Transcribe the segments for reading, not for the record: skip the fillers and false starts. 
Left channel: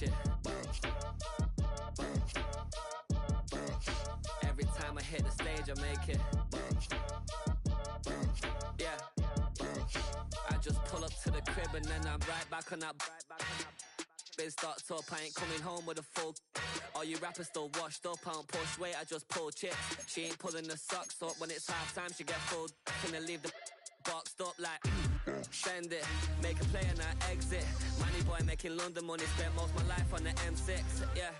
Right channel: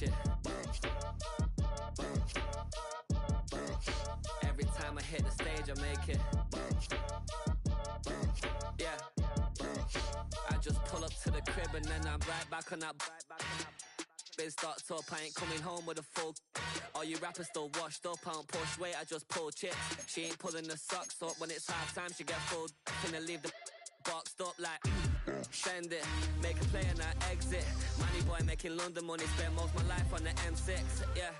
watch it. Every time I hit the stage, I make it. Yeah. I just pull up to the crib and then I'm right back on that. Been stocked up, I ain't coming home with a full. All you rappers still washed up, I don't push weight, I just pull chips. She ain't pulling the socks up when it's half time, she get full. Finna leave the boxed up like send it, make a play and I exit. Money boy making London money, spent most of my life on the M6. Yeah,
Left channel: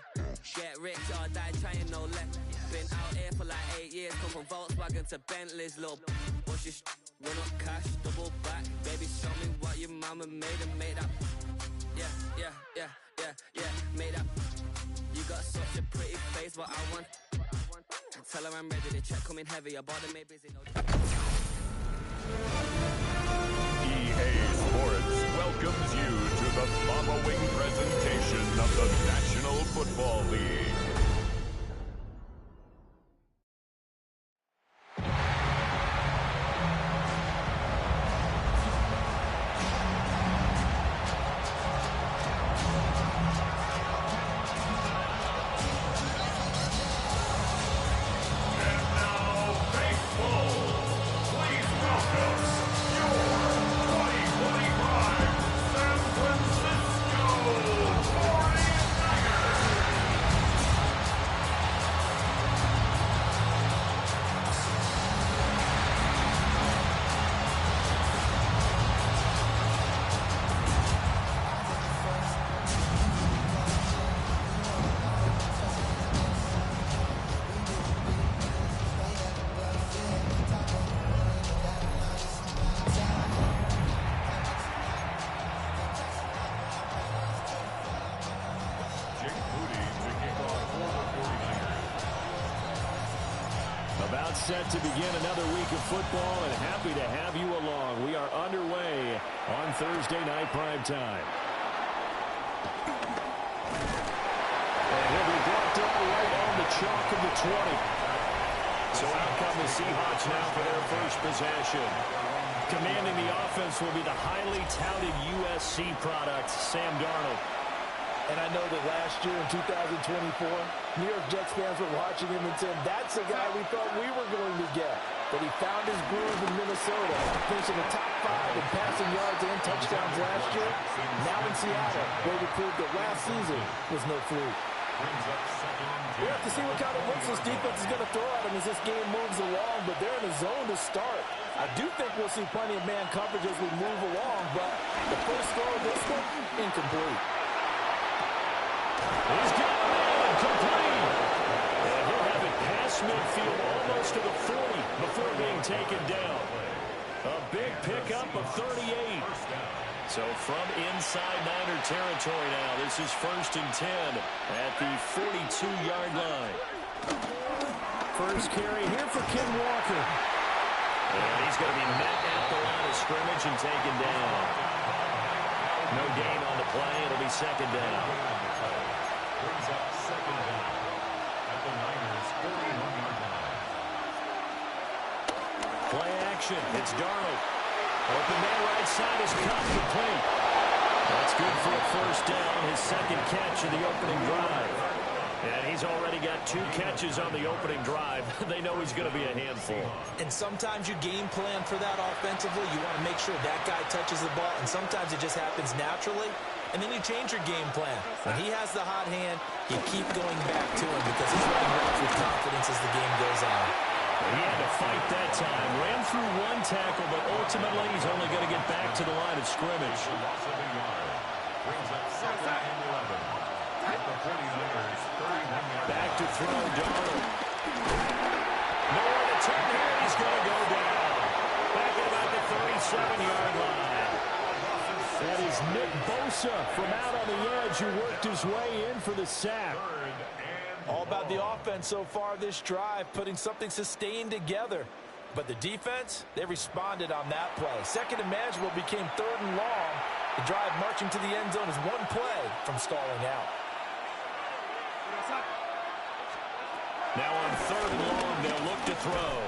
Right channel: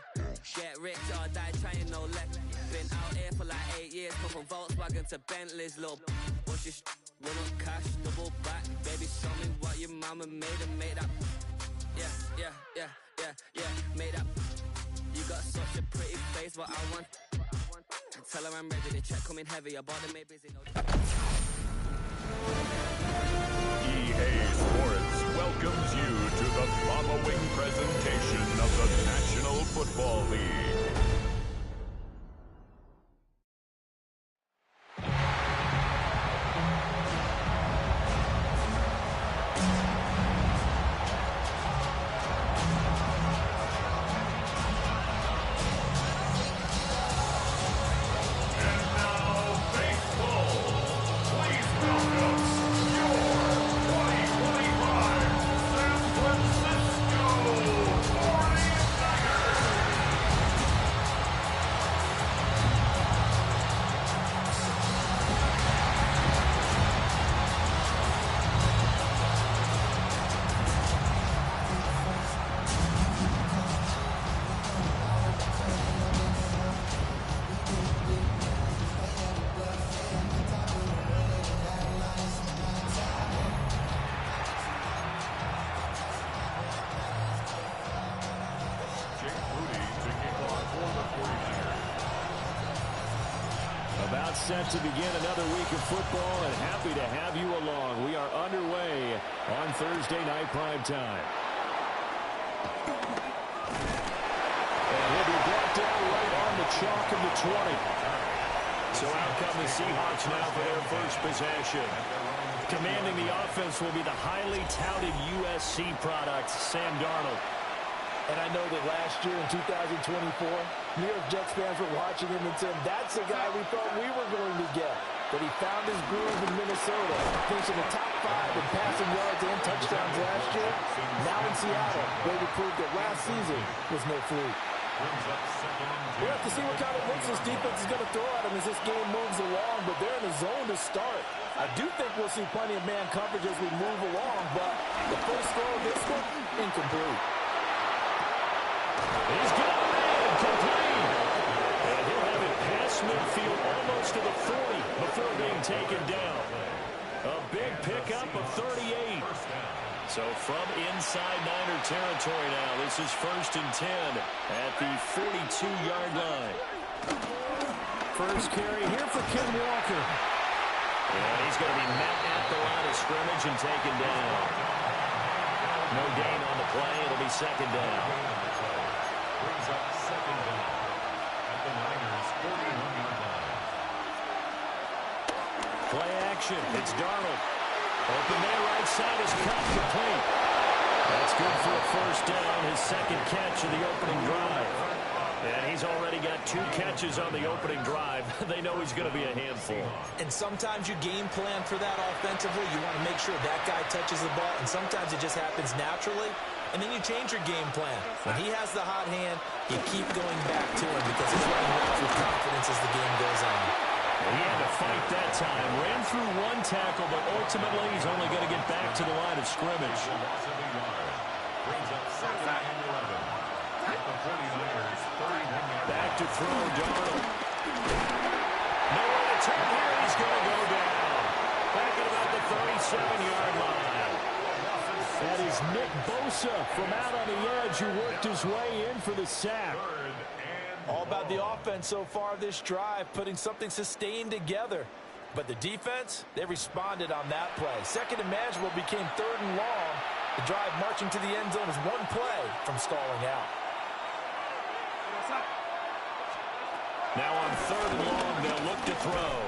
get rich or die trying, no let. Been out here for like 8 years, come from Volkswagen to Bentley's, little what's your run up cash, double back. Baby, show me what your mama made and made that. Yeah, made up. You got such a pretty face, but I want. Tell her I'm ready, the check coming heavy. I bought them, made busy, no. EA Sports welcomes you to the following presentation of the National Football League. About set to begin another week of football, and happy to have you along. We are underway on Thursday night prime time. And he'll be brought down right on the chalk of the 20. So out come the Seahawks now for their first possession. Commanding the offense will be the highly touted USC product, Sam Darnold. And I know that last year in 2024, New York Jets fans were watching him and said, that's the guy we thought we were going to get. But he found his groove in Minnesota, finishing the top 5 in passing yards and touchdowns last year. Now in Seattle, where we proved that last season was no fluke. We'll have to see what kind of looks this defense is going to throw at him as this game moves along, but they're in a zone to start. I do think we'll see plenty of man coverage as we move along, but the first throw of this one, incomplete. He's got a man complete. And he'll have it past midfield almost to the 40 before being taken down. A big pickup of 38. So from inside Niner territory now, this is 1st and 10 at the 42-yard line. First carry here for Ken Walker. And he's going to be met at the line of scrimmage and taken down. No gain on the play. It'll be 2nd down. Brings up 2nd down at the Niners' 41-yard line. Play action. It's Darnold. Open man right side is caught complete. That's good for a first down. His 2nd catch of the opening drive. And he's already got 2 catches on the opening drive. They know he's going to be a handful. And sometimes you game plan for that offensively. You want to make sure that guy touches the ball, and sometimes it just happens naturally. And then you change your game plan. When he has the hot hand, you keep going back to him because he's running routes with confidence as the game goes on. He had to fight that time. Ran through 1 tackle, but ultimately he's only going to get back to the line of scrimmage. Loss of a yard. Brings up 2nd and 11 at the 49ers' 31-yard line. Back to throw, Darnold. Nowhere to turn here. He's going to go down. Back at about the 37-yard line. That is Nick Bosa from out on the edge who worked his way in for the sack. All about the offense so far this drive, putting something sustained together. But the defense, they responded on that play. 2nd and manageable became 3rd and long. The drive marching to the end zone is 1 play from stalling out. Now on 3rd and long, they'll look to throw.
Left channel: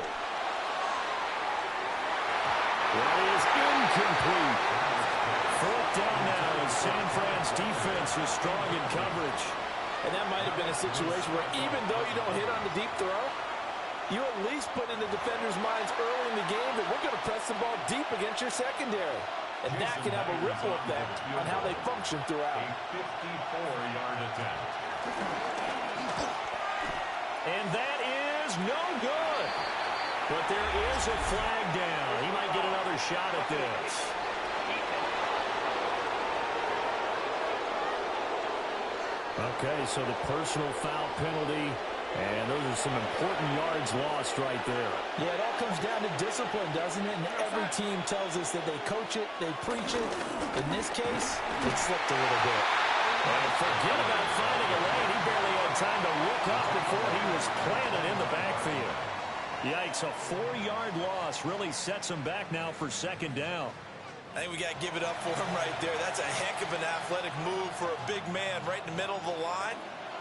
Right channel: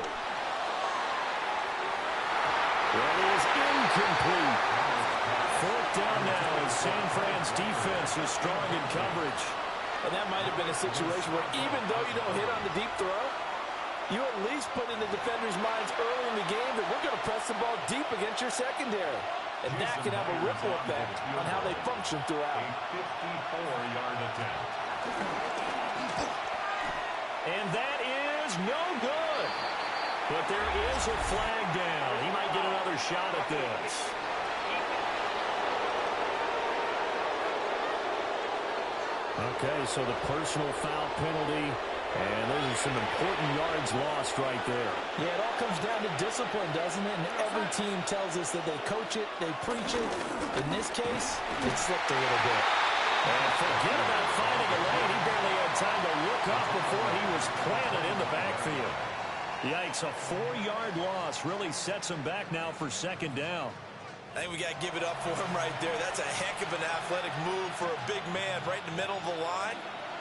That is incomplete. Fourth down now as San Fran's defense is strong in coverage. And that might have been a situation where even though you don't hit on the deep throw, you at least put in the defenders' minds early in the game that we're going to press the ball deep against your secondary. And that can have a ripple effect on how they function throughout. A 54-yard attempt. And that is no good. But there is a flag down. He might get another shot at this. Okay, so the personal foul penalty, and those are some important yards lost right there. Yeah, it all comes down to discipline, doesn't it? And every team tells us that they coach it, they preach it. In this case, it slipped a little bit. And forget about finding a lane. He barely had time to look up before he was planted in the backfield. Yikes, a 4-yard loss really sets him back now for second down. I think we got to give it up for him right there. That's a heck of an athletic move for a big man right in the middle of the line.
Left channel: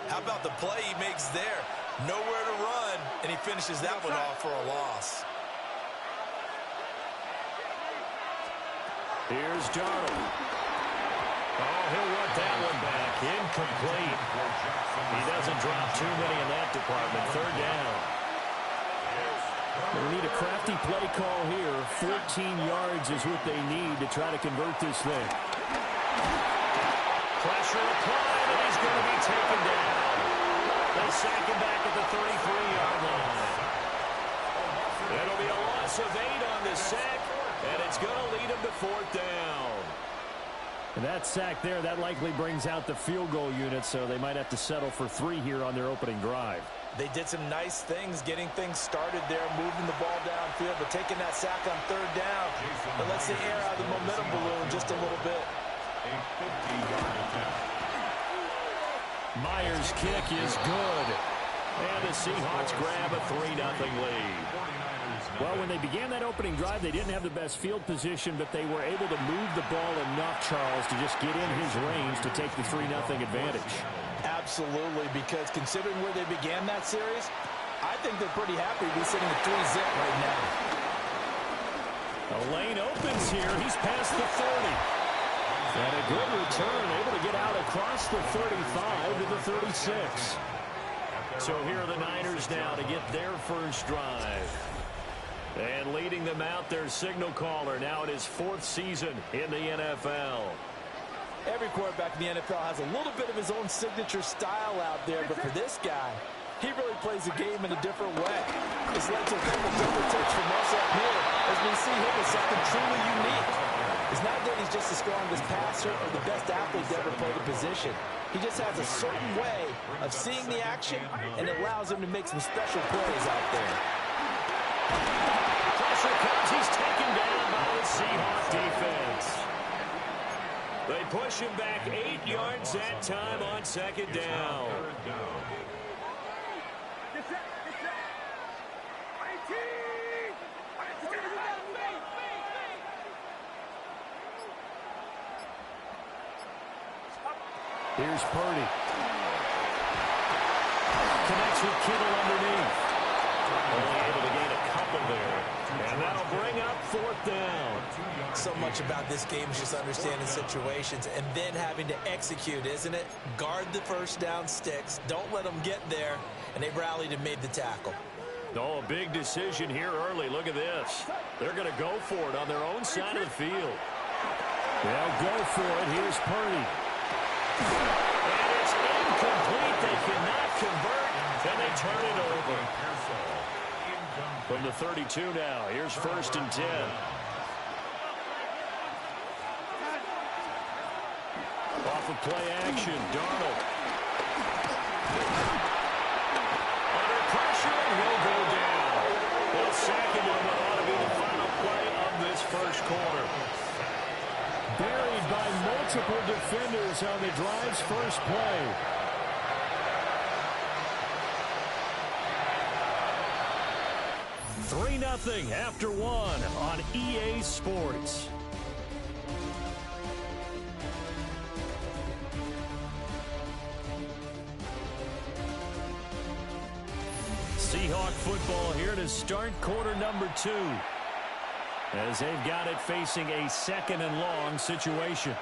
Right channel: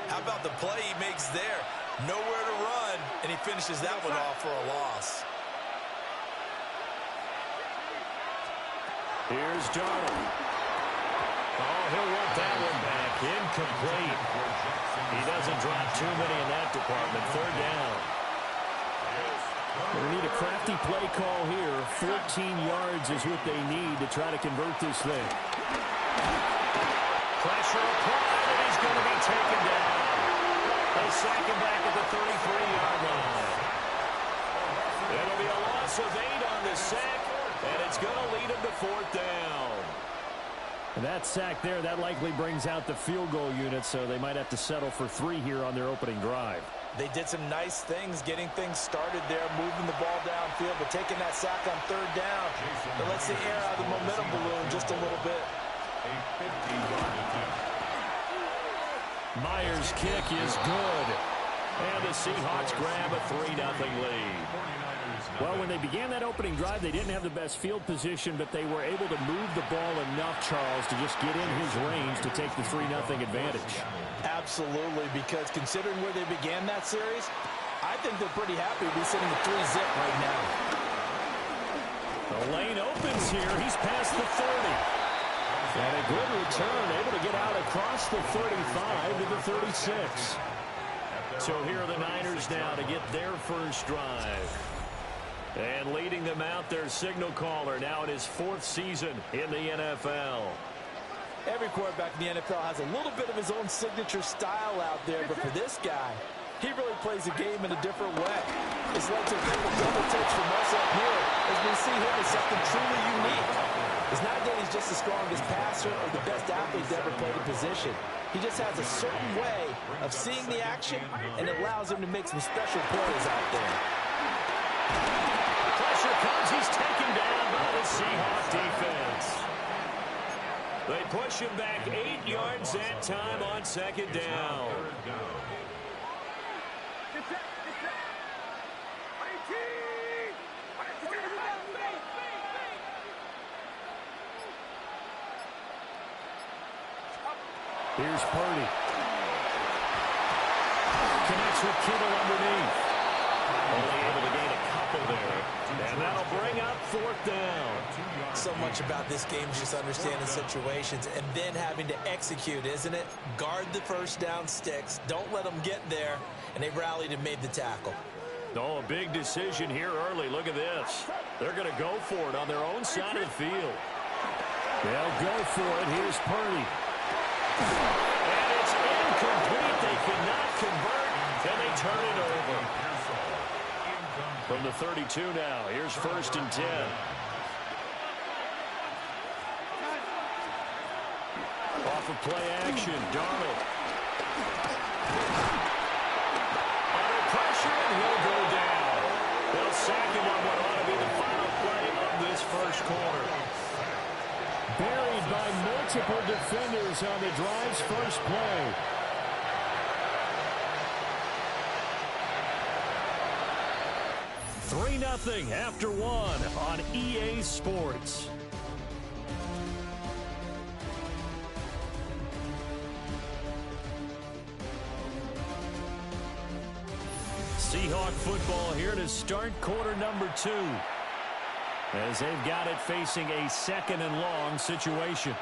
How about the play he makes there? Nowhere to run, and he finishes that one off for a loss. Here's Darnold. Oh, he'll want that one back. Incomplete. He doesn't drop too many in that department. Third down. They need a crafty play call here. 14 yards is what they need to try to convert this thing. Pressure applied, and he's going to be taken down. They sack him back at the 33-yard line. It'll be a loss of 8 on the sack, and it's going to lead him to fourth down. And that sack there, that likely brings out the field goal unit, so they might have to settle for 3 here on their opening drive. They did some nice things getting things started there, moving the ball downfield, but taking that sack on third down, it lets the air out of the momentum balloon just a little bit. A 50-yard attempt. Myers' kick is good. And the Seahawks grab a 3-0 lead. Well, when they began that opening drive, they didn't have the best field position, but they were able to move the ball enough, Charles, to just get in his range to take the 3-0 advantage. Absolutely, because considering where they began that series, I think they're pretty happy to be sitting at 3-zip right now. The lane opens here. He's past the 30. And a good return, able to get out across the 35 to the 36. So here are the Niners now to get their first drive. And leading them out, their signal caller now in his 4th season in the NFL. Every quarterback in the NFL has a little bit of his own signature style out there, but for this guy, he really plays the game in a different way. It's led to a couple double takes from us up here as we see him as something truly unique. It's not that he's just the strongest passer or the best athlete to ever play the position. He just has a certain way of seeing the action, and it allows him to make some special plays out there. Pressure comes. He's taken down by the Seahawks defense. They push him back 8 yards that time on second down. Here's Purdy. Connects with Kittle underneath. Only able to gain a couple there. And that'll bring up fourth down. So much about this game is just understanding situations and then having to execute, isn't it? Guard the first down sticks. Don't let them get there. And they rallied and made the tackle. Oh, a big decision here early. Look at this. They're going to go for it on their own side of the field. They'll go for it. Here's Purdy. And it's incomplete. They cannot convert, and they turn it over. From the 32 now, here's 1st and 10. Off of play action, Darnold. Under pressure, and he'll go down. They'll sack him on what ought to be the final play of this first quarter. Buried by multiple defenders on the drive's first play. Three 3-0 after one on EA Sports. Seahawk football here to start quarter number 2. as they've got it facing a 2nd and long situation.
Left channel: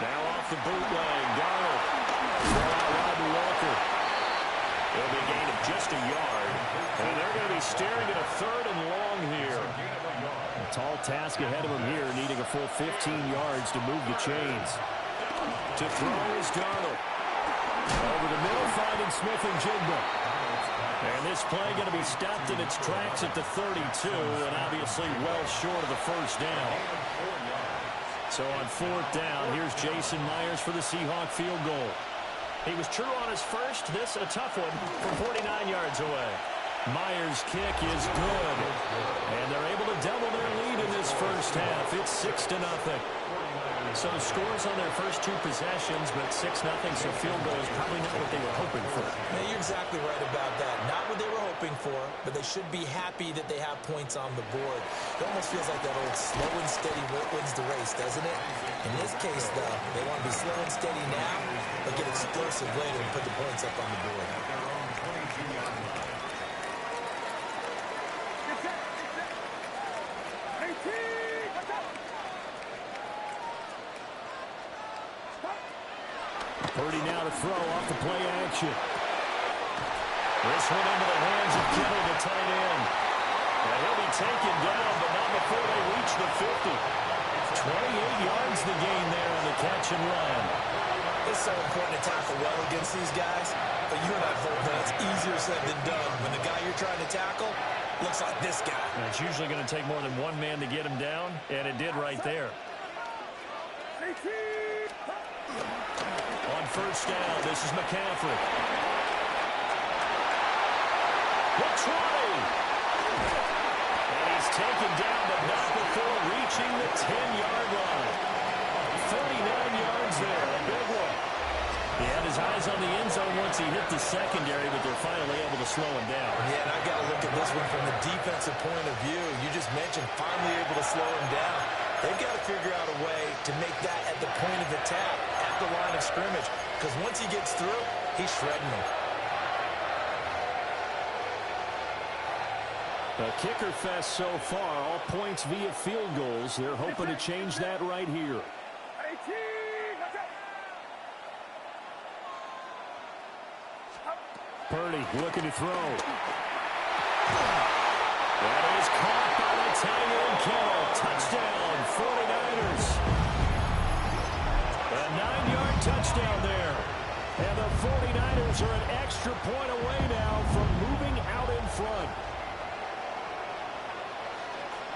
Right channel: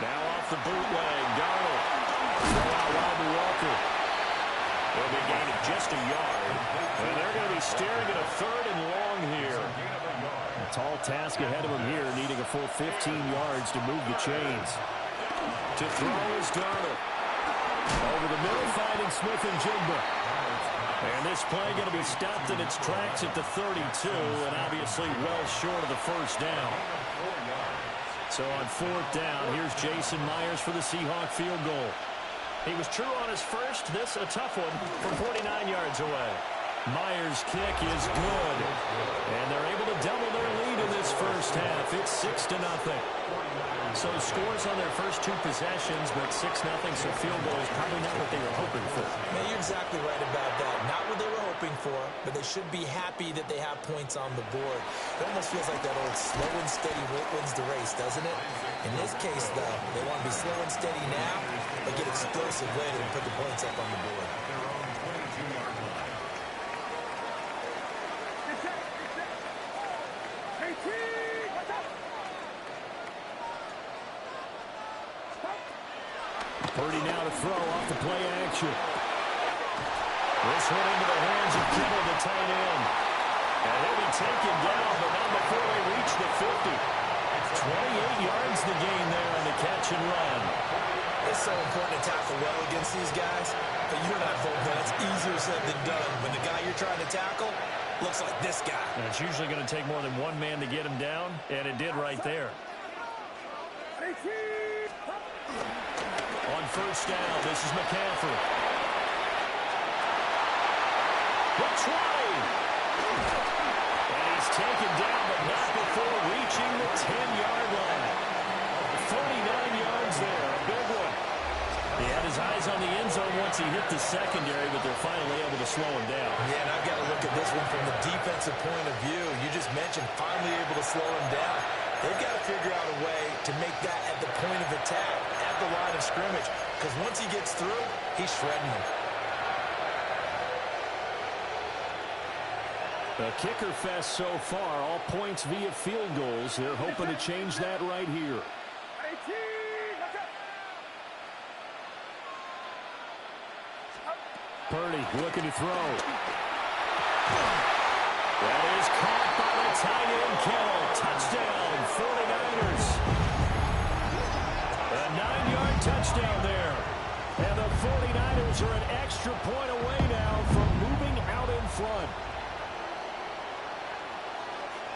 Now off the bootleg, Darnold. Throw out wide to Walker. It'll be a gain of just a yard. And they're going to be staring at a 3rd and long here. A tall task ahead of them here, needing a full 15 yards to move the chains. To throw is Darnold. Over the middle, finding Smith and Jigba. And this play going to be stopped in its tracks at the 32, and obviously well short of the first down. So on 4th down, here's Jason Myers for the Seahawk field goal. He was true on his first. This a tough one from 49 yards away. Myers' kick is good. And they're able to double their lead in this first half. It's 6-0. So scores on their first 2 possessions, but 6-0, so field goal is probably not what they were hoping for. Man, you're exactly right about that. Not what they were hoping for, but they should be happy that they have points on the board. It almost feels like that old slow and steady wins the race, doesn't it? In this case, though, they want to be slow and steady now, but get explosive later and put the points up on the board. Their own 22-yard line. Purdy now to throw off the play action. This one into the hands of Kittle, the tight end. And he'll be taken down, but not before they reach the 50. 28 yards the gain there on the catch and run. It's so important to tackle well against these guys, but you and I both know it's easier said than done. When the guy you're trying to tackle looks like this guy. And it's usually going to take more than one man to get him down, and it did right there. On 1st down, this is McCaffrey. The 20. And he's taken down, but not before reaching the 10-yard line. 39 yards there, a big one. He had his eyes on the end zone once he hit the secondary, but they're finally able to slow him down. Yeah, and I've got to look at this one from the defensive point of view. You just mentioned finally able to slow him down. They've got to figure out a way to make that at the point of attack, at the line of scrimmage, because once he gets through, he's shredding them. A kicker fest so far, all points via field goals. They're hoping to change that right here. Purdy looking to throw. That is caught by the tight end, Kittle. Touchdown, 49ers. A 9-yard touchdown there. And the 49ers are an extra point away now from moving out in front.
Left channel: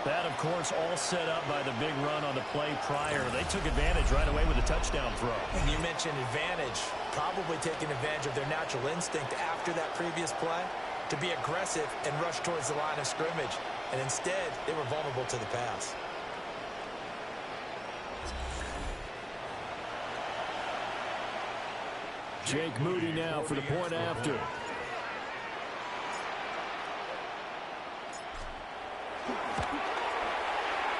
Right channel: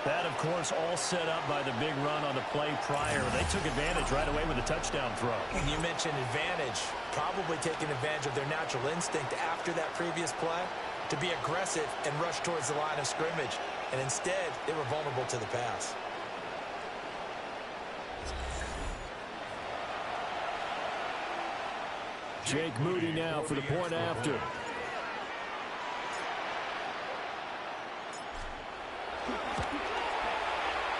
That, of course, all set up by the big run on the play prior. They took advantage right away with a touchdown throw. And you mentioned advantage, probably taking advantage of their natural instinct after that previous play to be aggressive and rush towards the line of scrimmage. And instead, they were vulnerable to the pass. Jake Moody now for the point after.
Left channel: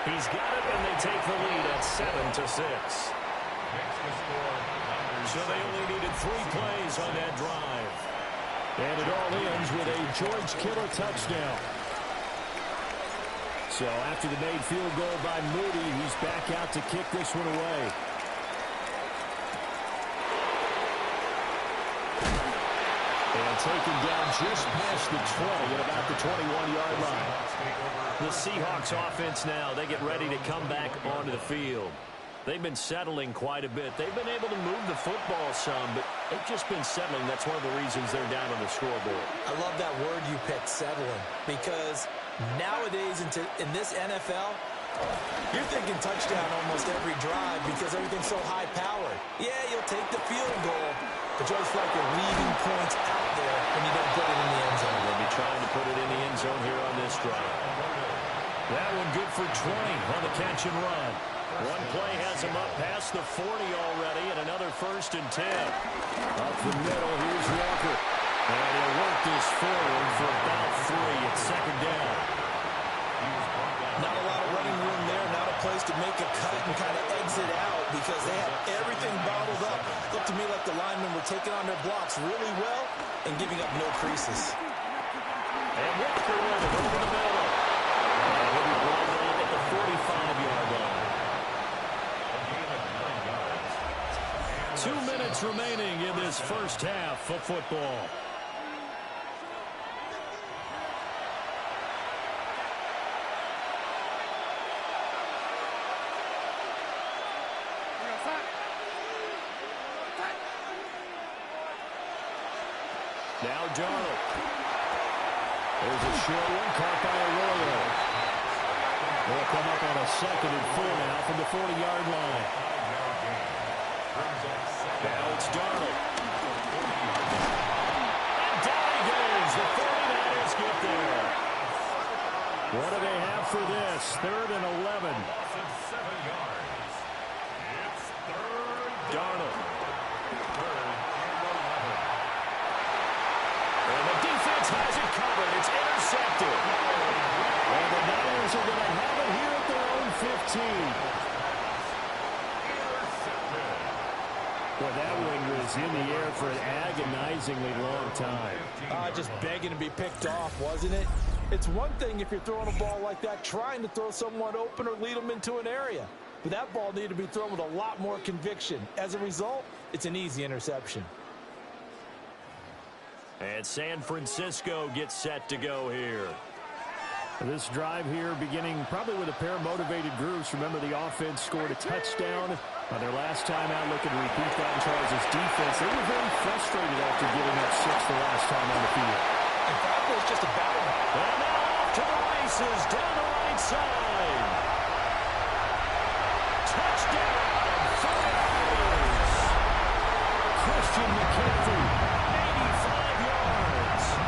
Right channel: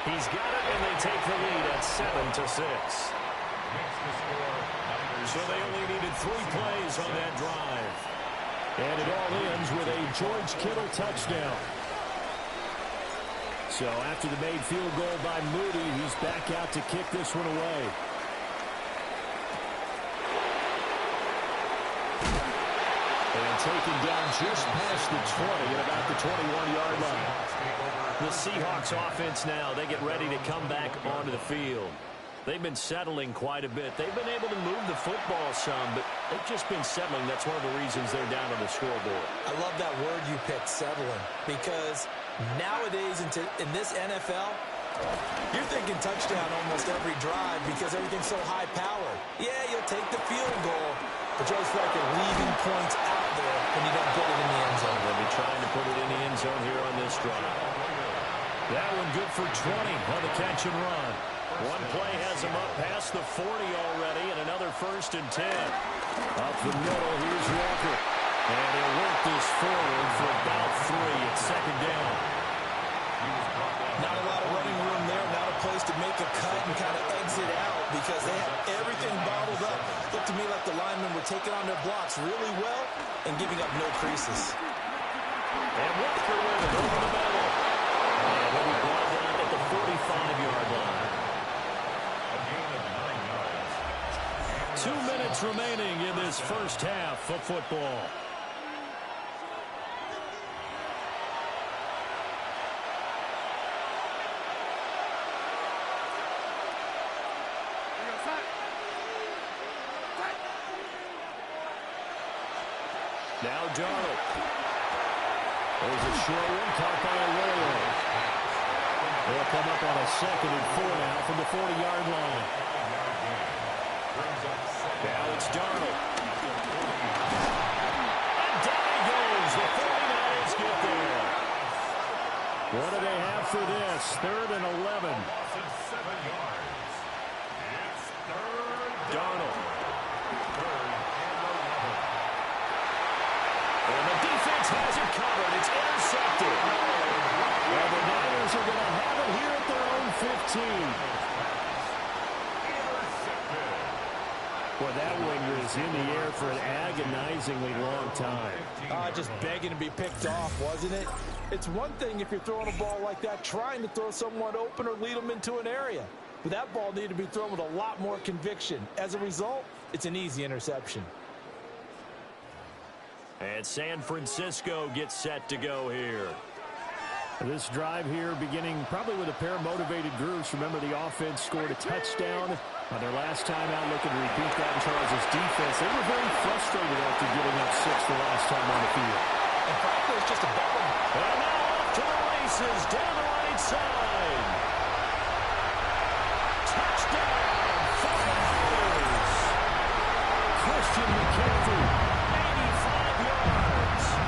He's got it, and they take the lead at 7-6. So they only needed 3 plays on that drive. And it all ends with a George Kittle touchdown. So after the made field goal by Moody, he's back out to kick this one away. And taken down just past the 20 at about the 21-yard line. The Seahawks offense now, they get ready to come back onto the field. They've been settling quite a bit. They've been able to move the football some, but they've just been settling. That's one of the reasons they're down on the scoreboard. I love that word you picked, settling, because nowadays in this NFL, you're thinking touchdown almost every drive because everything's so high-powered. Yeah, you'll take the field goal, but you always feel like you're leaving points out there when you don't put it in the end zone. They'll be trying to put it in the end zone here on this drive. That one good for 20 on the catch and run. One play has him up past the 40 already, and another 1st and 10. Up the middle, here's Walker. And he'll work this forward for about 3 at 2nd down. Not a lot of running room there, not a place to make a cut and kind of exit out because they have everything bottled up. Looked to me like the linemen were taking on their blocks really well and giving up no creases. And Walker with it over the middle. And he'll be brought down at the 45-yard line. A gain of 9 yards. 2 minutes remaining in this first half of football. Now Darnold. There's a short one caught by Arroyo. They'll come up on a 2nd and 4 now from the 40-yard line. Now it's Darnold. And down he goes. The 49ers get there. What do they have for this? 3rd and 11. 7 yards. It's 3rd. Darnold. 3rd and 11. And the defense has it covered. It's intercepted. And the Niners are going to have it here at their own 15. Well, that one was in the air for an agonizingly long time. Just begging to be picked off, wasn't it? It's one thing if you're throwing a ball like that, trying to throw someone open or lead them into an area. But that ball needed to be thrown with a lot more conviction. As a result, it's an easy interception. And San Francisco gets set to go here. This drive here beginning probably with a pair of motivated groups. Remember, the offense scored a touchdown on their last time out. Looking to repeat that in Charles' defense. They were very frustrated after giving up 6 the last time on the field. And frankly, it's just a battle. And now off to the races down the right side. Touchdown, 49ers. Christian McCaffrey, 85 yards.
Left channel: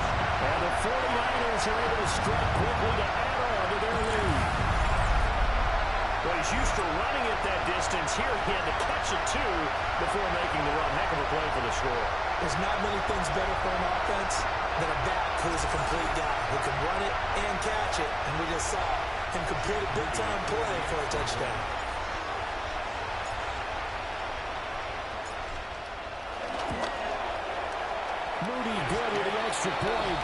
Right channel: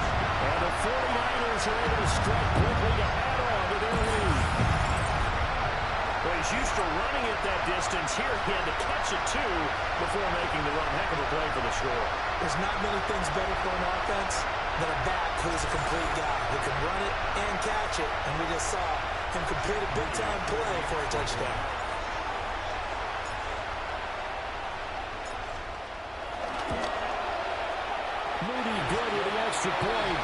And the 49ers are able to strike quickly to add on to their lead. Well, he's used to running it that distance. Here he had to catch it, too, before making the run. Heck of a play for the score. There's not many things better for an offense than a back who is a complete guy who can run it and catch it. And we just saw him complete a big-time play for a touchdown. Moody good with the extra point.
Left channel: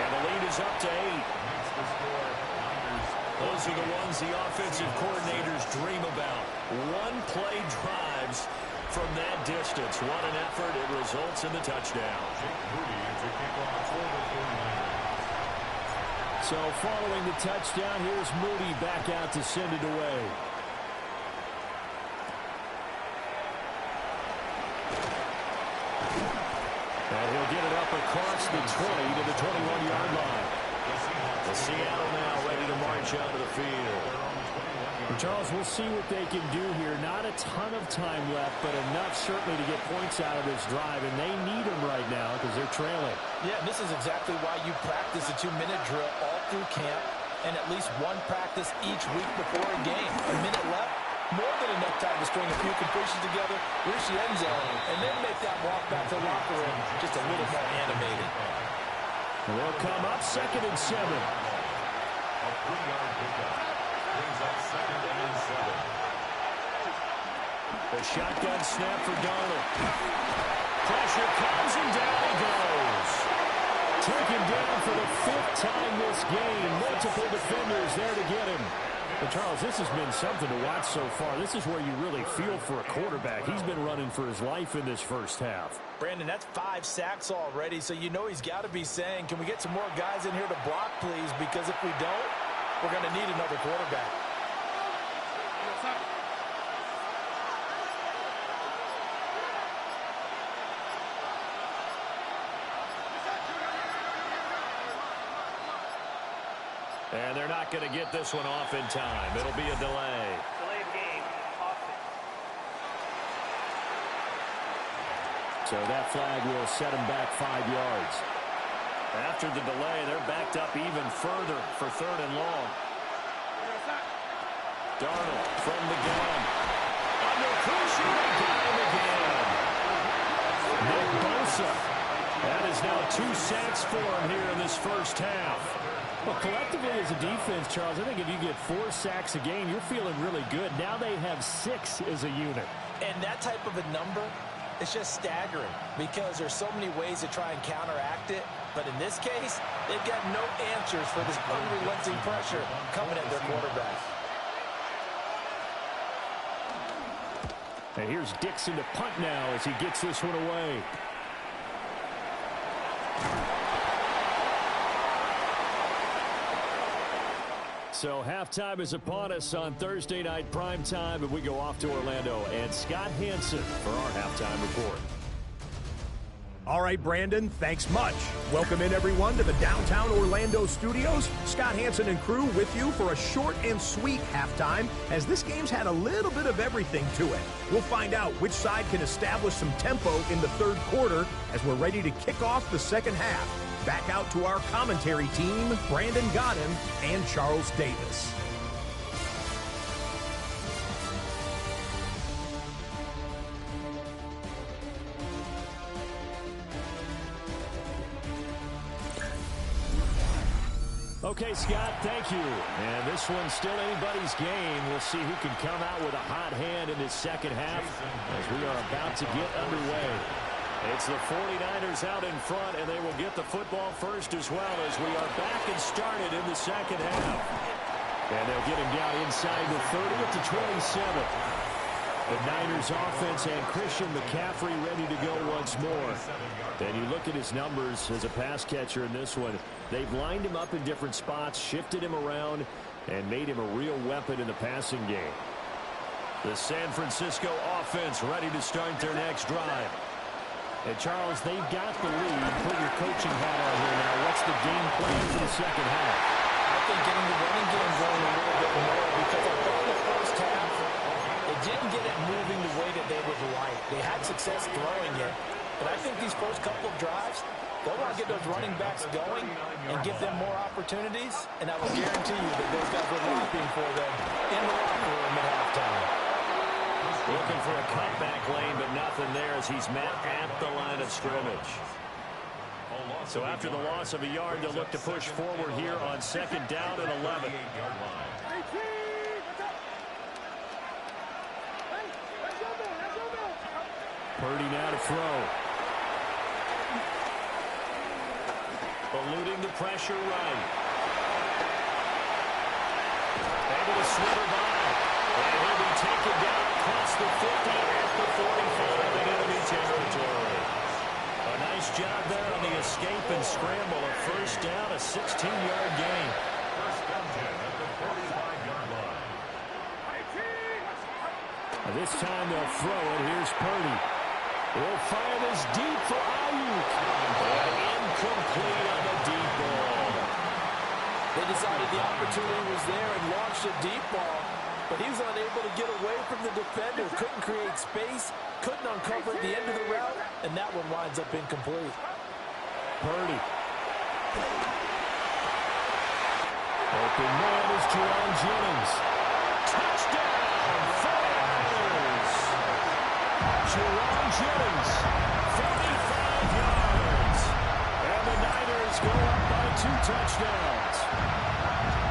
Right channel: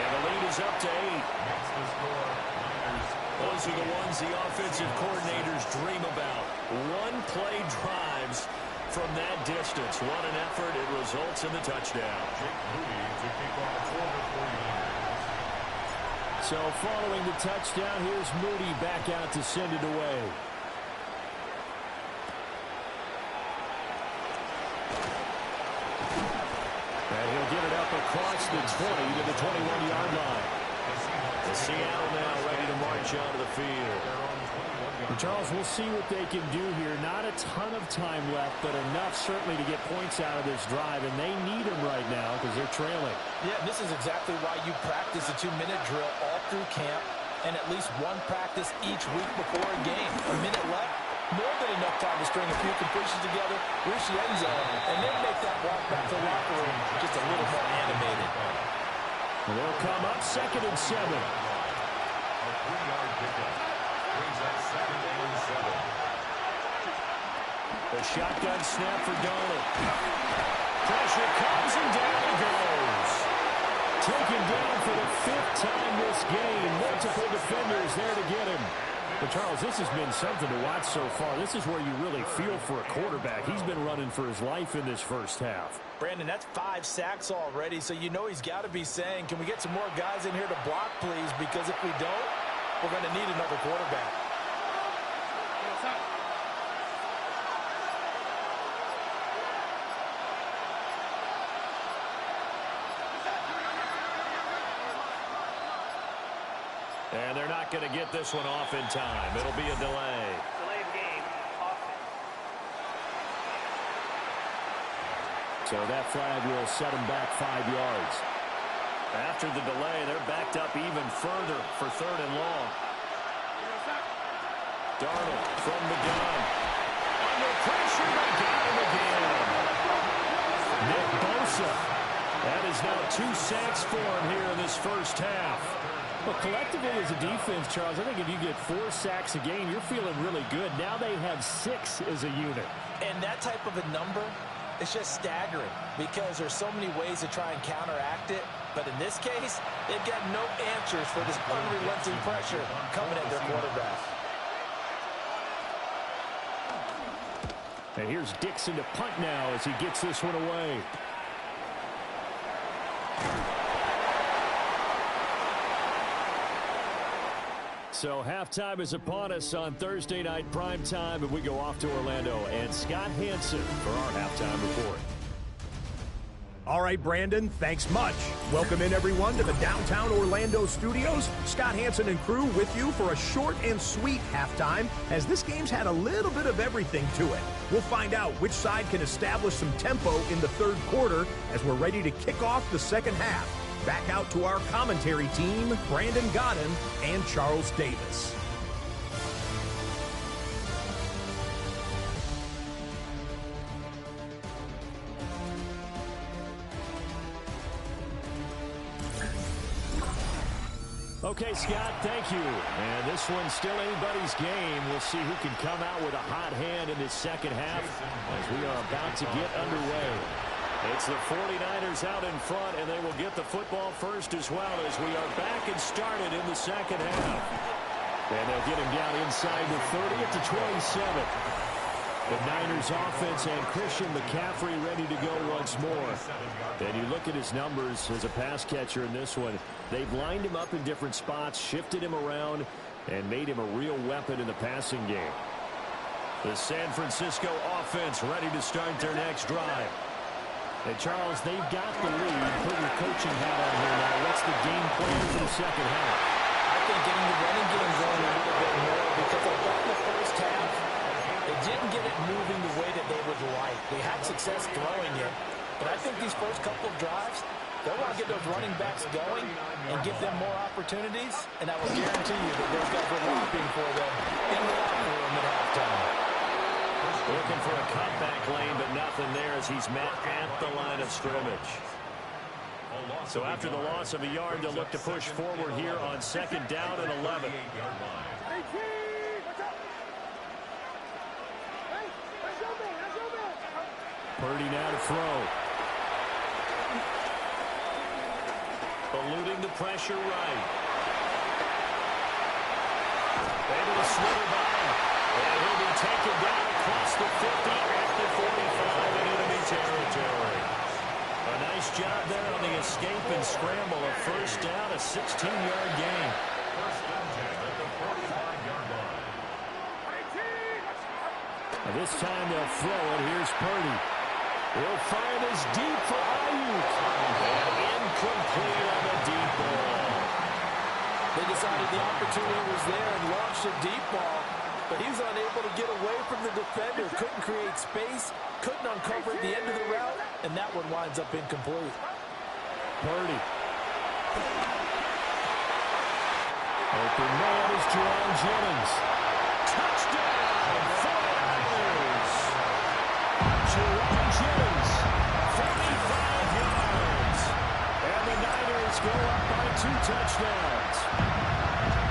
And the lead is up to 8. Makes the score Niners. Those are the ones the offensive coordinators dream about. One-play drives from that distance. What an effort. It results in the touchdown. Jake Moody to kick off for the 49ers. So following the touchdown, here's Moody back out to send it away. And he'll get it up across the 20 to the 21-yard line. The Seattle now ready to march onto the field. Charles, we'll see what they can do here. Not a ton of time left, but enough certainly to get points out of this drive, and they need them right now because they're trailing. Yeah, and this is exactly why you practice a 2-minute drill all through camp and at least one practice each week before a game. A minute left, more than enough time to string a few completions together, reach the end zone, and then make that walk back to the locker room just a little more animated. And they'll come up 2nd and 7. A 3-yard pickup. Brings up 2nd and 7. The shotgun snap for Darnold. Pressure comes and down he goes. Taken down for the 5th time this game. Multiple defenders there to get him. But Charles, this has been something to watch so far. This is where you really feel for a quarterback. He's been running for his life in this first half. Brandon, that's 5 sacks already, so you know he's got to be saying, can we get some more guys in here to block, please? Because if we don't, we're going to need another quarterback. And they're not going to get this one off in time. It'll be a delay. Delayed game, offense. So that flag will set them back 5 yards. After the delay, they're backed up even further for 3rd and long. Darnold from the gun. Under pressure, they got him again. Nick Bosa. That is now 2 sacks for him here in this first half. Well, collectively as a defense, Charles, I think if you get 4 sacks a game, you're feeling really good. Now they have 6 as a unit. And that type of a number, it's just staggering because there's so many ways to try and counteract it. But in this case, they've got no answers for this unrelenting pressure coming at their quarterback. And here's Dixon to punt now as he gets this one away. So halftime is upon us on Thursday night primetime, and we go off to Orlando. And Scott Hansen for our halftime report. All right, Brandon, thanks much. Welcome in, everyone, to the downtown Orlando studios. Scott Hansen and crew with you for a short and sweet halftime, as this game's had a little bit of everything to it. We'll find out which side can establish some tempo in the third quarter as we're ready to kick off the second half. Back out to our commentary team, Brandon Godden and Charles Davis. Okay, Scott, thank you. And this one's still anybody's game. We'll see who can come out with a hot hand in this second half as we are about to get underway. It's the 49ers out in front, and they will get the football first as well as we are back and started in the second half. And they'll get him down inside the 30 at the 27. The Niners offense and Christian McCaffrey ready to go once more. And you look at his numbers as a pass catcher in this one. They've lined him up in different spots, shifted him around, and made him a real weapon in the passing game. The San Francisco offense ready to start their next drive. And Charles, they've got the lead. Put your coaching hat on here now. What's the game plan for the second half? I think getting the running game going a little bit more, because I thought in the first half they didn't get it moving the way that they would like. They had success throwing it, but I think these first couple of drives, they'll want to get those running backs going and give them more opportunities, and I will guarantee you that those guys were laughing for them in the locker room at halftime. Looking for a cutback lane, but nothing there as he's met at the line of scrimmage. So after the loss of a yard, they'll look to push forward here on second down and 11. Purdy now to throw. Eluding the pressure right. Able to slither by. And he'll be taken down across the 50 at the 45 in enemy territory. A nice job there on the escape and scramble. A first down, a 16-yard gain. First down 10 at the 45-yard line. This time they'll throw it. Here's Purdy. He'll fire this deep for Ayuk. And incomplete on the deep ball. They decided the opportunity was there and launched a deep ball, but he was unable to get away from the defender. Couldn't create space, couldn't uncover at the end of the route, and that one winds up incomplete. Purdy. Open man is Juwan Jennings. Touchdown, 49ers. Juwan Jennings, 45 yards. And the Niners go up by 2 touchdowns.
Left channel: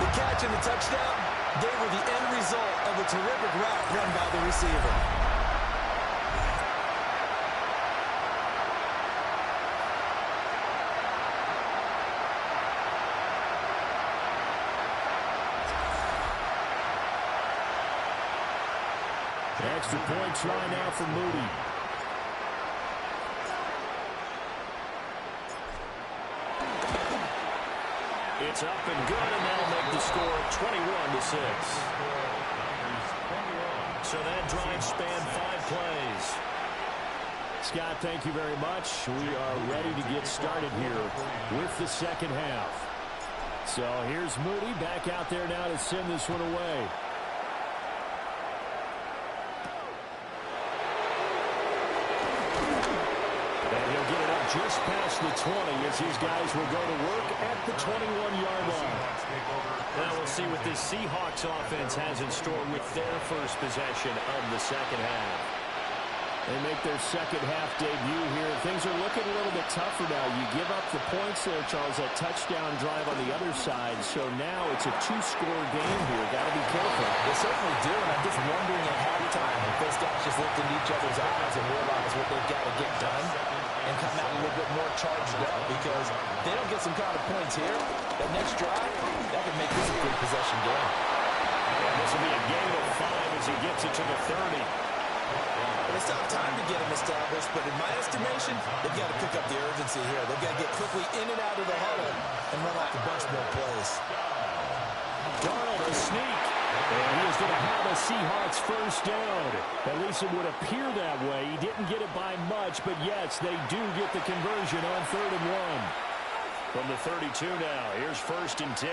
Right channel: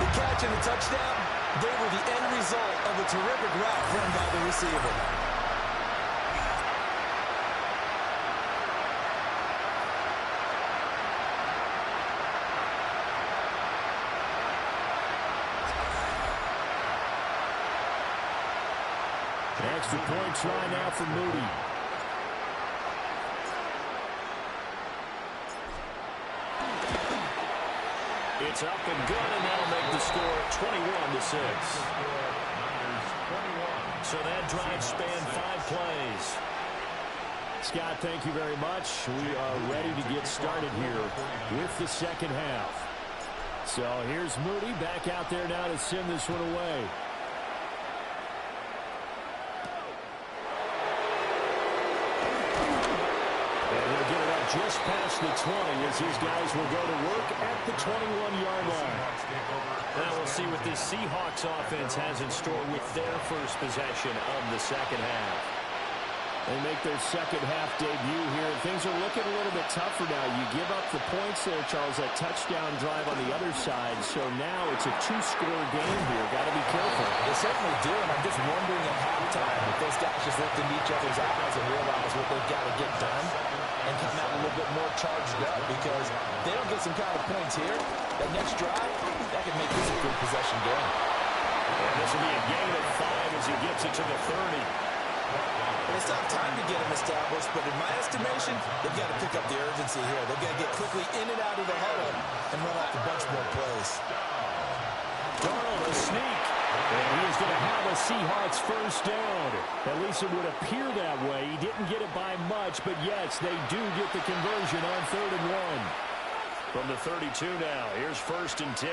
The catch and the touchdown, they were the end result of a terrific route run by the receiver. Extra point try now for Moody. It's up and good, and that'll make the score 21-6. So that drive spanned 5 plays. Scott, thank you very much. We are ready to get started here with the second half. So here's Moody back out there now to send this one away. And he'll get it up just past the 20 as these guys will go to work at the 21-yard line. Now we'll see what this Seahawks offense has in store with their first possession of the second half. They make their second half debut here. Things are looking a little bit tougher now. You give up the points there, Charles, that touchdown drive on the other side. So now it's a 2-score game here. Got to be careful. They certainly do, and I'm just wondering at halftime if those those guys just looked into each other's eyes and realize what they've got to get done and come out a little bit more charged up, because if they don't get some kind of points here, that next drive, that could make this a good possession game. And this will be a gain of 5 as he gets it to the 30. But they still have time to get him established, but in my estimation, they've got to pick up the urgency here. They've got to get quickly in and out of the huddle and run off a bunch more plays. Darnold, a sneak. And he is going to have a Seahawks first down. At least it would appear that way. He didn't get it by much, but yes, they do get the conversion on 3rd and 1. From the 32 now, here's 1st and 10.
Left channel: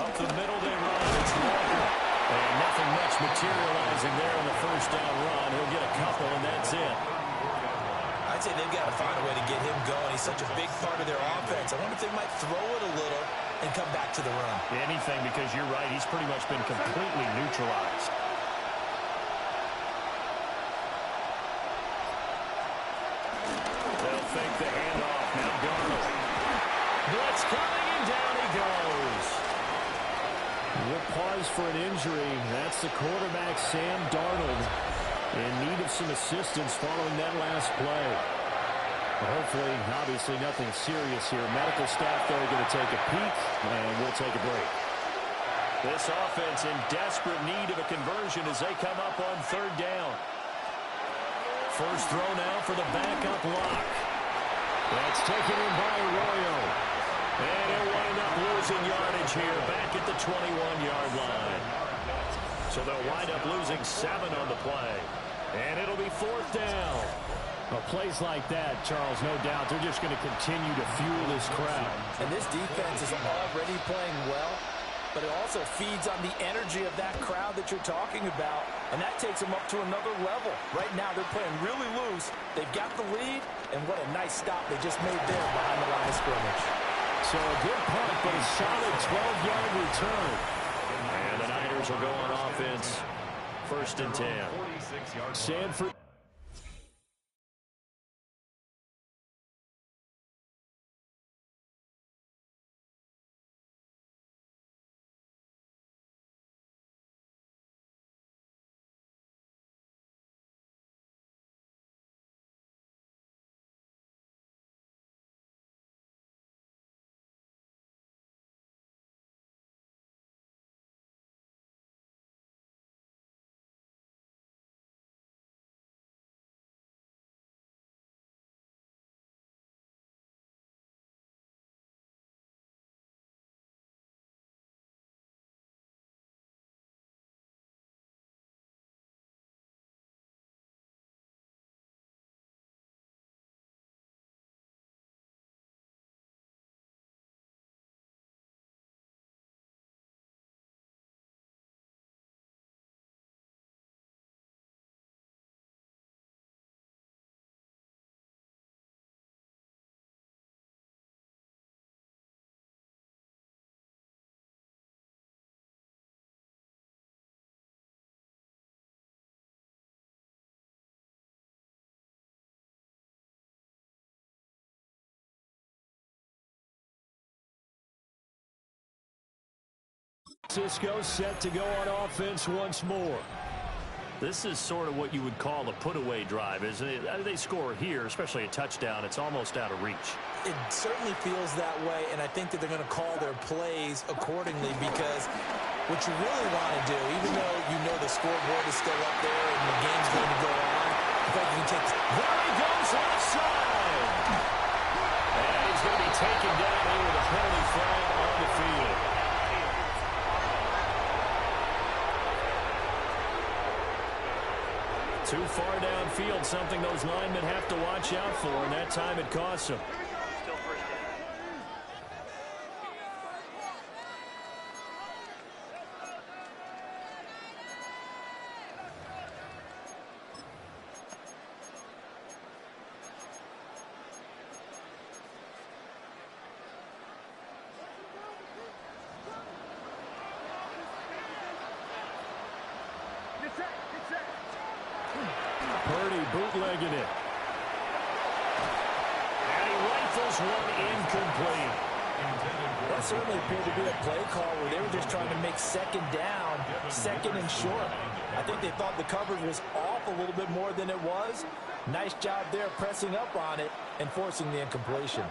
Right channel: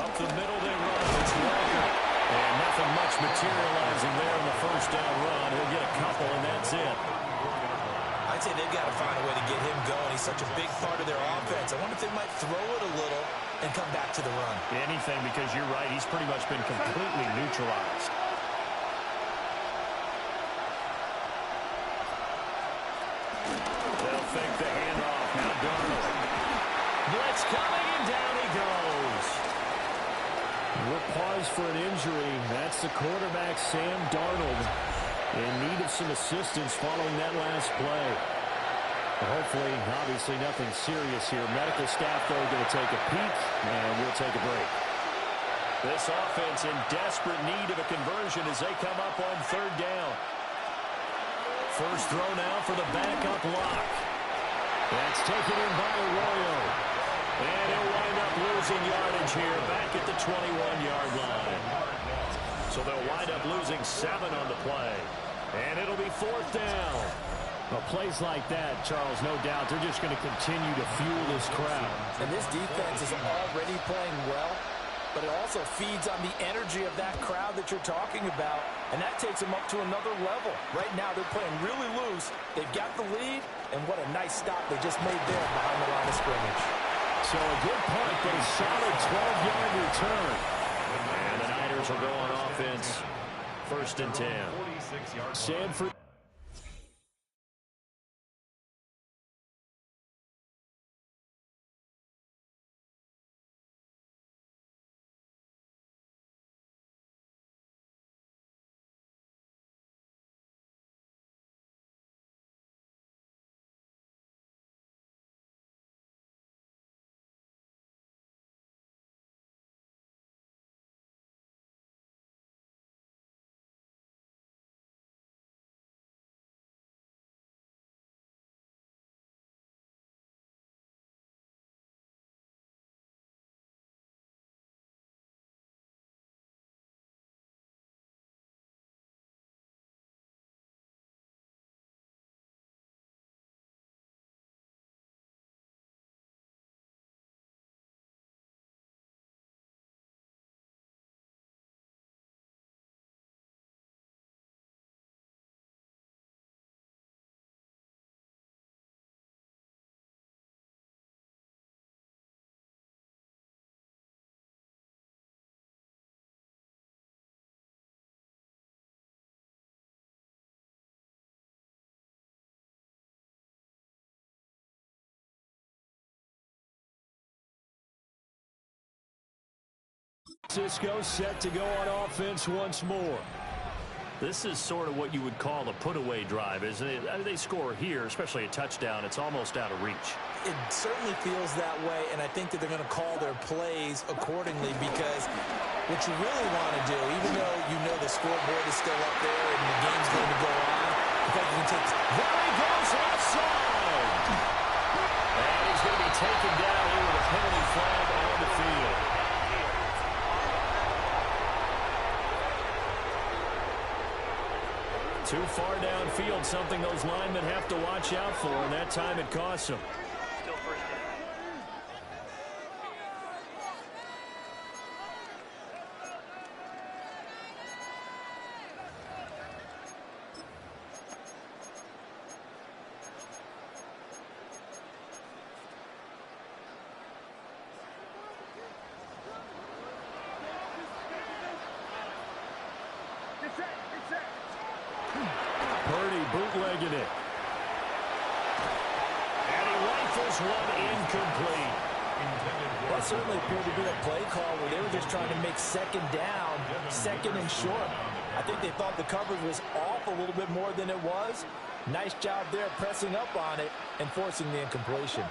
Up the middle they run. It's Walker. And nothing much materializing there on the first down run. He'll get a couple, and that's it. I'd say they've got to find a way to get him going. He's such a big part of their offense. I wonder if they might throw it a little and come back to the run. Anything, because you're right. He's pretty much been completely neutralized. They'll fake the handoff. Now Darnold. Blitz coming, and down he goes. We'll pause for an injury. That's the quarterback, Sam Darnold, in need of some assistance following that last play. Hopefully, obviously, nothing serious here. Medical staff, though, going to take a peek, and we'll take a break. This offense in desperate need of a conversion as they come up on 3rd down. First throw now for the backup lock. That's taken in by Arroyo. And he'll wind up losing yardage here back at the 21-yard line. So they'll wind up losing 7 on the play. And it'll be 4th down. Well, plays like that, Charles, no doubt, they're just going to continue to fuel this crowd. And this defense is already playing well, but it also feeds on the energy of that crowd that you're talking about, and that takes them up to another level. Right now, they're playing really loose. They've got the lead, and what a nice stop they just made there behind the line of scrimmage. So a good punt, but a solid 12-yard return. And the Niners will go on offense. 1st and 10. Sanford. Cisco set to go on offense once more. This is sort of what you would call a put-away drive, isn't it? They score here, especially a touchdown. It's almost out of reach. It certainly feels that way, and I think that they're going to call their plays accordingly, because what you really want to do, even though you know the scoreboard is still up there and the game's going to go on, I think you can take... There he goes, left side! And he's going to be taken down here with a penalty flag on the field. Too far downfield, something those linemen have to watch out for, and that time it costs them. Still first down. Purdy bootlegging it. And he rifles one incomplete. That certainly appeared to be a play call where they were just trying to make second down, second and short. I think they thought the coverage was off a little bit more than it was. Nice job there pressing up on it and forcing the incompletion.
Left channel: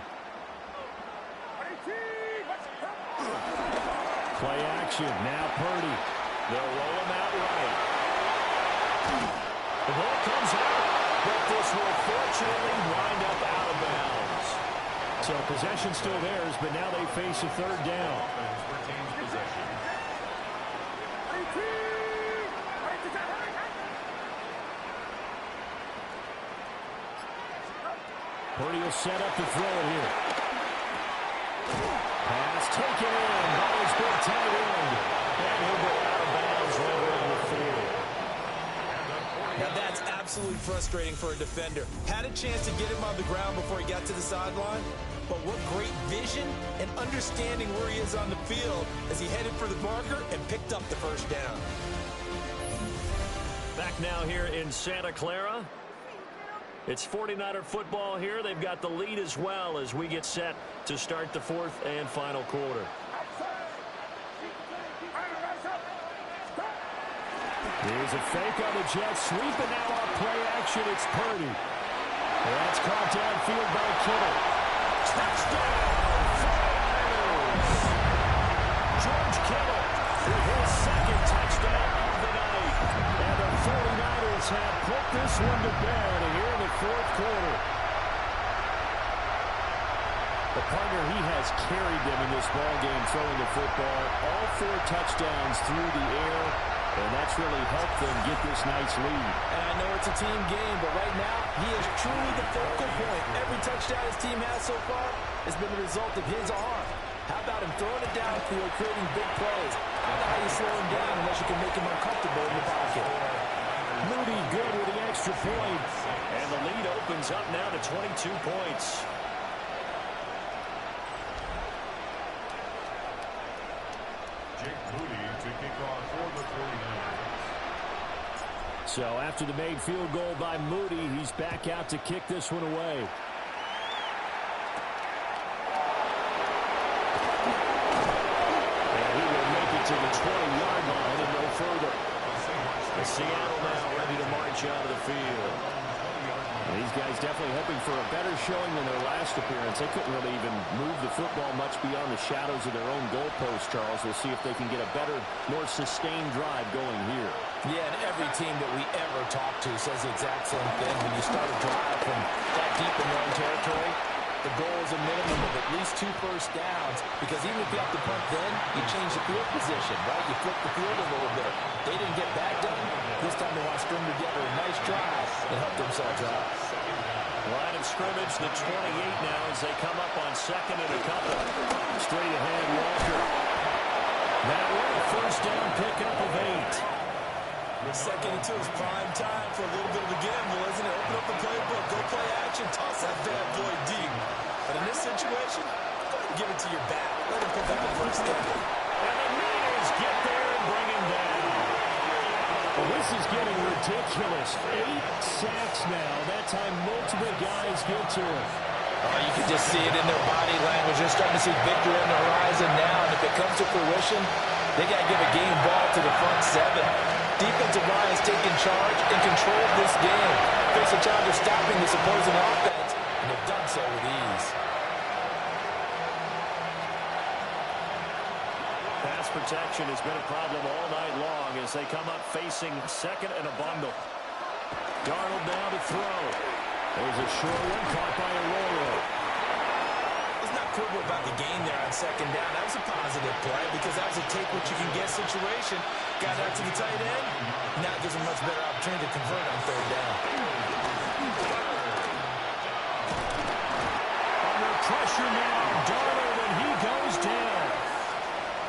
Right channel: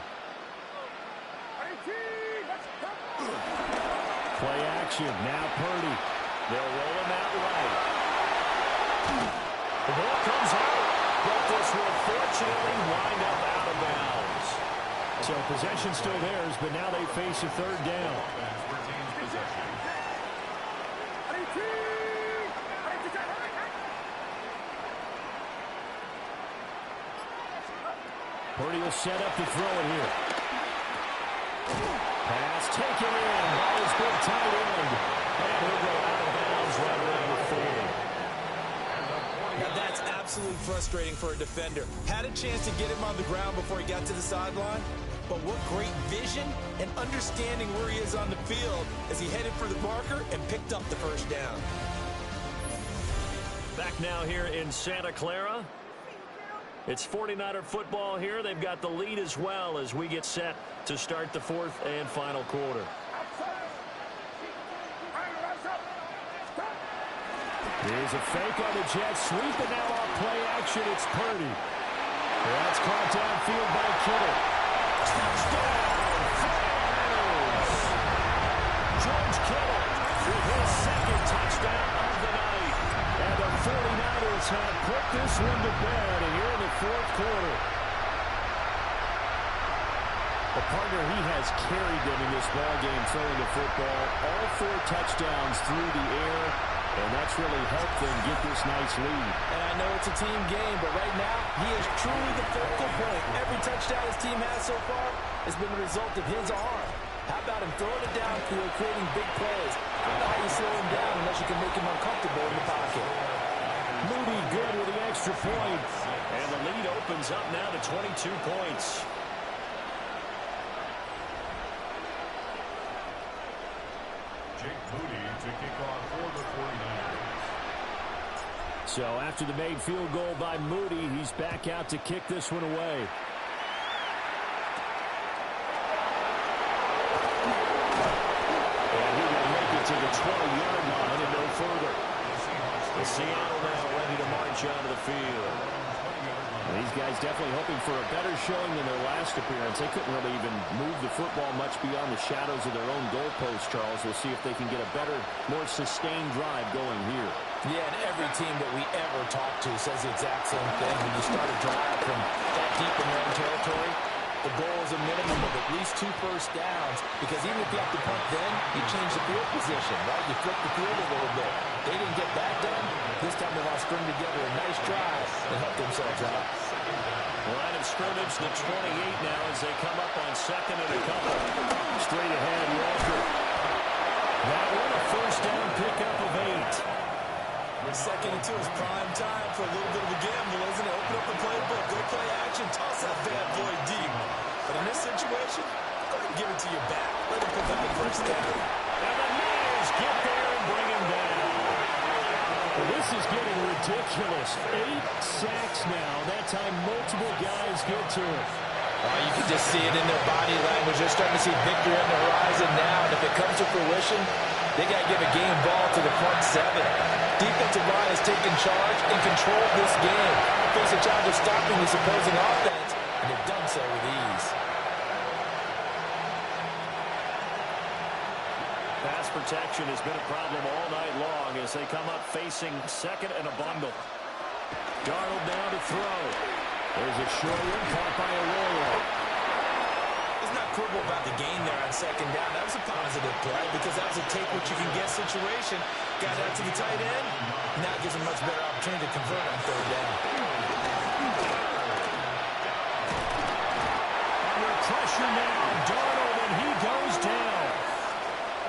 Play action. Now Purdy. They'll roll him out right. The ball comes out, but this will fortunately wind up out of bounds. So possession still theirs, but now they face a third down. Purdy will set up to throw it here. Pass taken in by his big tight end. And he'll go out of bounds right around the 40. Now that's absolutely frustrating for a defender. Had a chance to get him on the ground before he got to the sideline. But what great vision and understanding where he is on the field as he headed for the marker and picked up the first down. Back now here in Santa Clara. It's 49er football here. They've got the lead as well as we get set to start the fourth and final quarter. Here's a fake on the Jets sweep, and now on play action, it's Purdy. That's caught downfield by Kittle. Touchdown, 49ers! George Kittle with his second touchdown of the night. And the 49ers have put this one to bed here in the fourth quarter. The partner, he has carried them in this ballgame throwing the football. All 4 touchdowns through the air. And that's really helped them get this nice lead. And I know it's a team game, but right now, he is truly the focal point. Every touchdown his team has so far has been the result of his arm. How about him throwing it downfield, creating big plays? I don't know how you slow him down unless you can make him uncomfortable in the pocket. Moody good with the extra point. And the lead opens up now to 22 points. Jake Moody to kick off for the 49ers. So after the made field goal by Moody, he's back out to kick this one away. And he will make it to the 20-yard line and no further. The Seattle now ready to march out of the field. These guys definitely hoping for a better showing than their last appearance. They couldn't really even move the football much beyond the shadows of their own goalpost, Charles. We'll see if they can get a better, more sustained drive going here. Yeah, and every team that we ever talk to says the exact same thing. When you start a drive from that deep in your own territory, the goal is a minimum of at least 2 first downs, because even if you have to punt then, you change the field position, right? You flip the field a little bit. They didn't get that done. This time they want to string together a nice drive and help themselves out. Line of scrimmage, the 28 now as they come up on second and a couple. Straight ahead, Walker. That one, a first down pickup of 8. Second and 2 is prime time for a little bit of a gamble, isn't it? Open up the playbook, go play action, toss that bad boy deep. But in this situation, go ahead and give it to your back. Let him pick up the first down. And the Niners get there and bring him down. Well, this is getting ridiculous. 8 sacks now. That time multiple guys get to it. Oh, you can just see it in their body language. They're starting to see victory on the horizon now. And if it comes to fruition, they got to give a game ball to the front 7. Defensive line has taken charge and controlled this game. Face a challenge of stopping this opposing offense, and they've done so with ease. Pass protection has been a problem all night long as they come up facing second and a bundle. Darnold now to throw. There's a short one caught by Arroyo. Let's not quibble about the gain there on second down. That was a positive play because that was a take-what-you-can-get situation. Got out to the tight end. Now it gives him much better opportunity to convert on third down. Under pressure now, Darnold, and he goes down.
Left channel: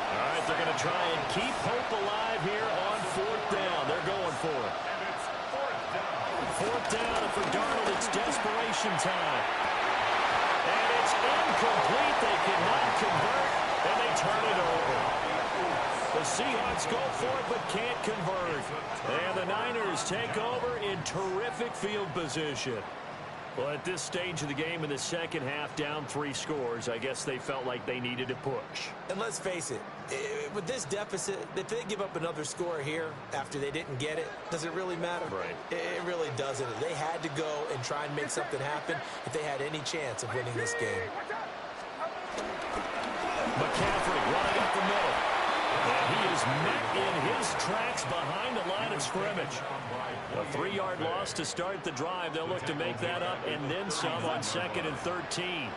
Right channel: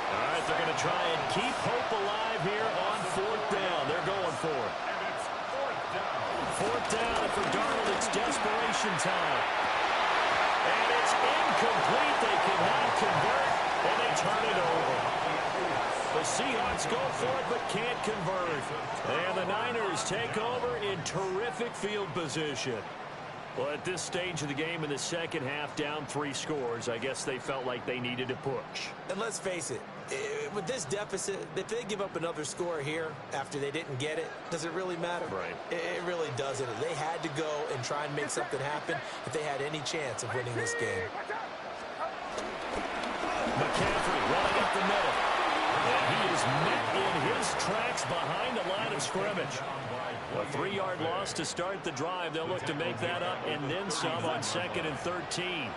All right, they're going to try and keep hope alive here on fourth down. They're going for it. And it's fourth down. Fourth down, and for Darnold, it's desperation time. And it's incomplete. They cannot convert, and they turn it over. The Seahawks go for it, but can't convert. And the Niners take over in terrific field position. Well, at this stage of the game in the second half, down 3 scores, I guess they felt like they needed to push. And let's face it, with this deficit, if they give up another score here after they didn't get it, does it really matter? Right. It really doesn't. They had to go and try and make something happen if they had any chance of winning this game. McCaffrey running up the middle. And he is met in his tracks behind the line of scrimmage. A 3-yard loss to start the drive. They'll look to make that up and then some on 2nd and 13.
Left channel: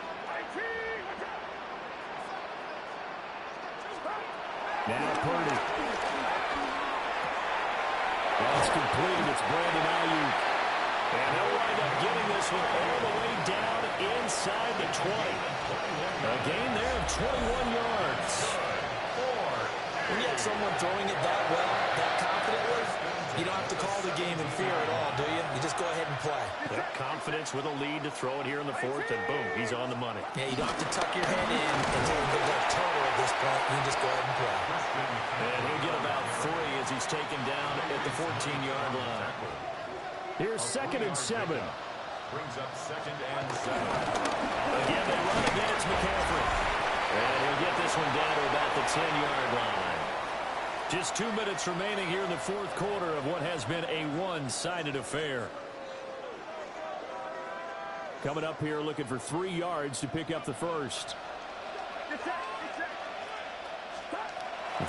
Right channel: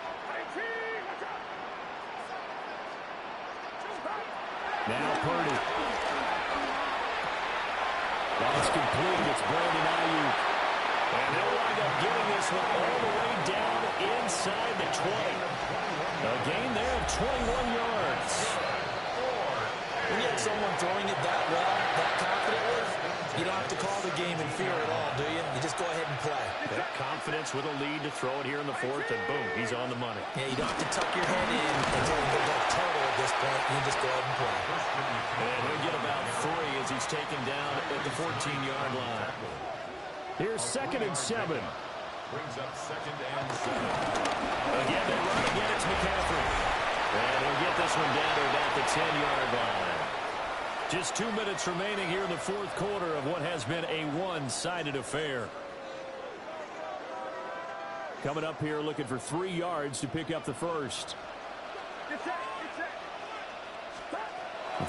Now Purdy. That's completed. It's Brandon Ayuk. And they'll wind up getting this one all the way down inside the 20. A gain there of 21 yards. When you have someone throwing it that well, that confidently, you don't have to call the game in fear at all, do you? You just go ahead and play. That confidence with a lead to throw it here in the 4th, and boom, he's on the money. Yeah, you don't have to tuck your head in and take a like turtle at this point. You just go ahead and play. And he'll get about 3 as he's taken down at the 14-yard line. Here's 2nd and 7. Brings up 2nd and 7. Again, they run again. It's McCaffrey. And he'll get this one down to about the 10-yard line. Just 2 minutes remaining here in the 4th quarter of what has been a one-sided affair. Coming up here looking for 3 yards to pick up the first.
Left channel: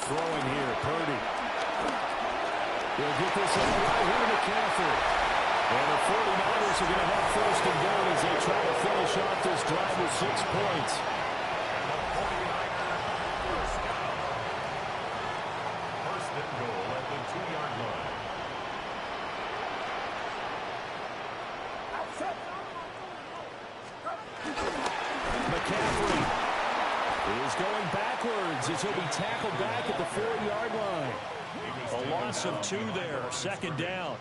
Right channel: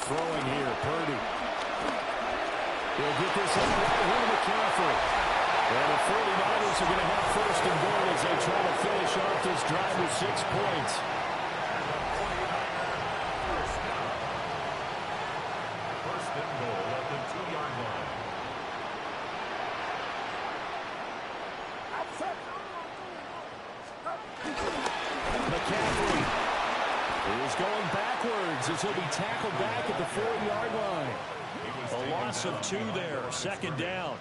Throwing here, Purdy. He'll get this on right here to McCaffrey. And the 49ers are going to have 1st and goal as they try to finish off this drive with 6 points. And the 49ers first down. 1st and goal at the 2-yard line. McCaffrey is going backwards as he'll be tackled back at the 4-yard line. A loss of 2 there, 2nd down.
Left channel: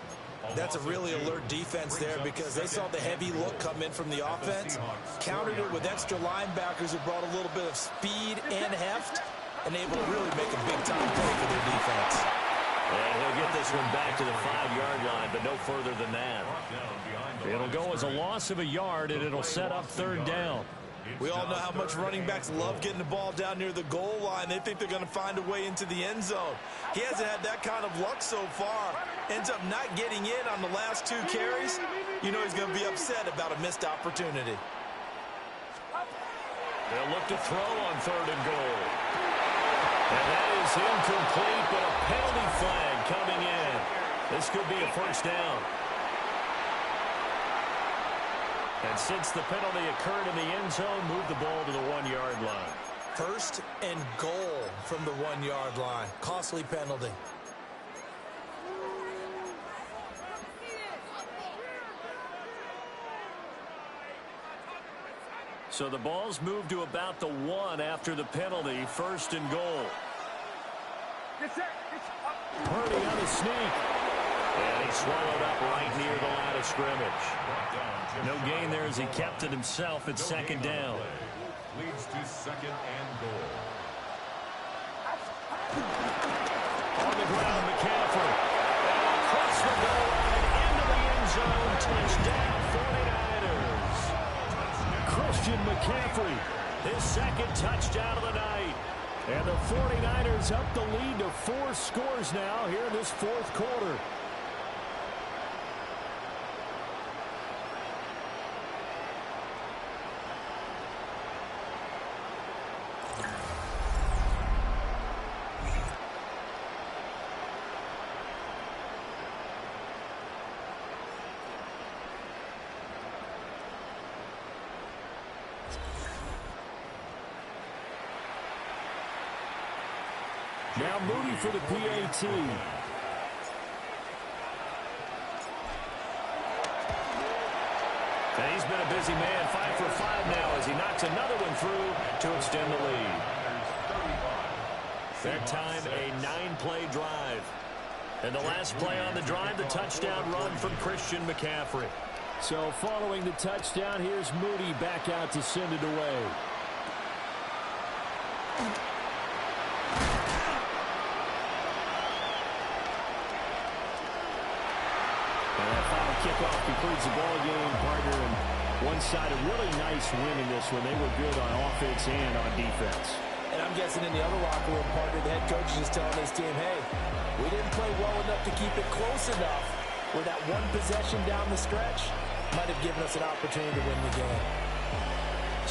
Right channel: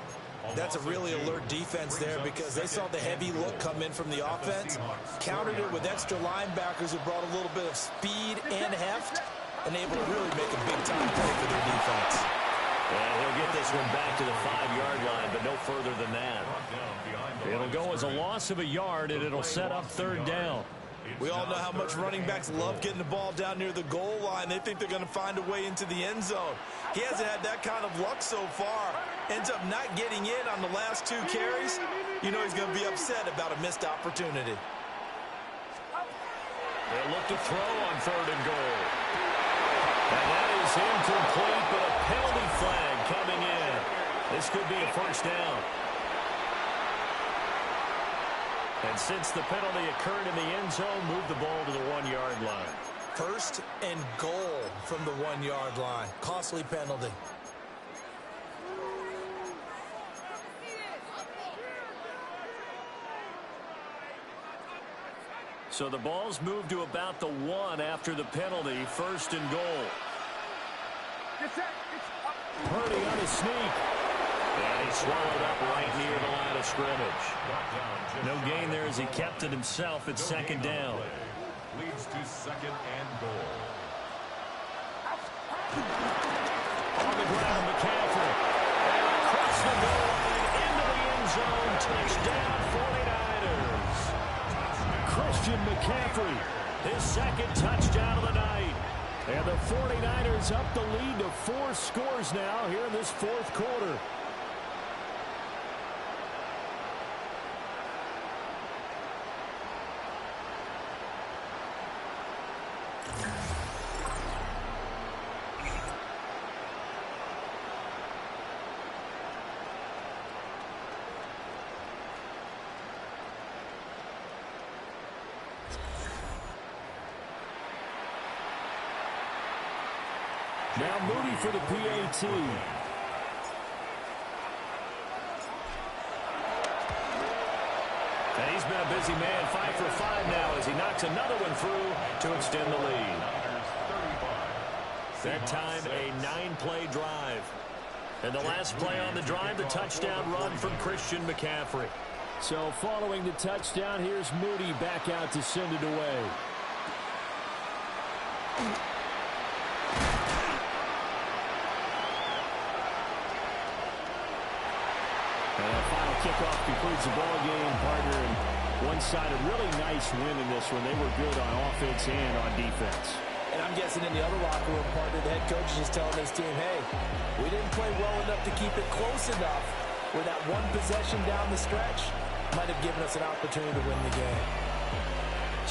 That's a really alert defense there because they saw the heavy look come in from the offense, countered it with extra linebackers who brought a little bit of speed and heft, and able to really make a big-time play for their defense. And he'll get this one back to the 5-yard line, but no further than that. It'll go as a loss of a yard, and it'll set up 3rd down. We all know how much running backs love getting the ball down near the goal line. They think they're going to find a way into the end zone. He hasn't had that kind of luck so far. Ends up not getting in on the last 2 carries. You know he's going to be upset about a missed opportunity. They'll look to throw on 3rd and goal. And that is incomplete, but a penalty flag coming in. This could be a 1st down. And since the penalty occurred in the end zone, move the ball to the 1-yard line. 1st and goal from the 1-yard line. Costly penalty. So the ball's moved to about the 1 after the penalty. 1st and goal. Purdy on a sneak. And he swallowed up right near the line of scrimmage. No gain there as he kept it himself at 2nd down. Leads to 2nd and goal. On the ground, McCaffrey. And across the goal line into the end zone. Touchdown, 49ers. Christian McCaffrey, his 2nd touchdown of the night. And the 49ers up the lead to 4 scores now here in this 4th quarter. Now Moody for the PAT. And he's been a busy man, 5 for 5 now as he knocks another one through to extend the lead. That time a 9-play drive. And the last play on the drive, the touchdown run from Christian McCaffrey. So following the touchdown, here's Moody back out to send it away. And that final kickoff concludes the ball game, partner. And one-sided, really nice win in this one. They were good on offense and on defense. And I'm guessing in the other locker room partner, the head coach is just telling his team, hey, we didn't play well enough to keep it close enough where that one possession down the stretch might have given us an opportunity to win the game.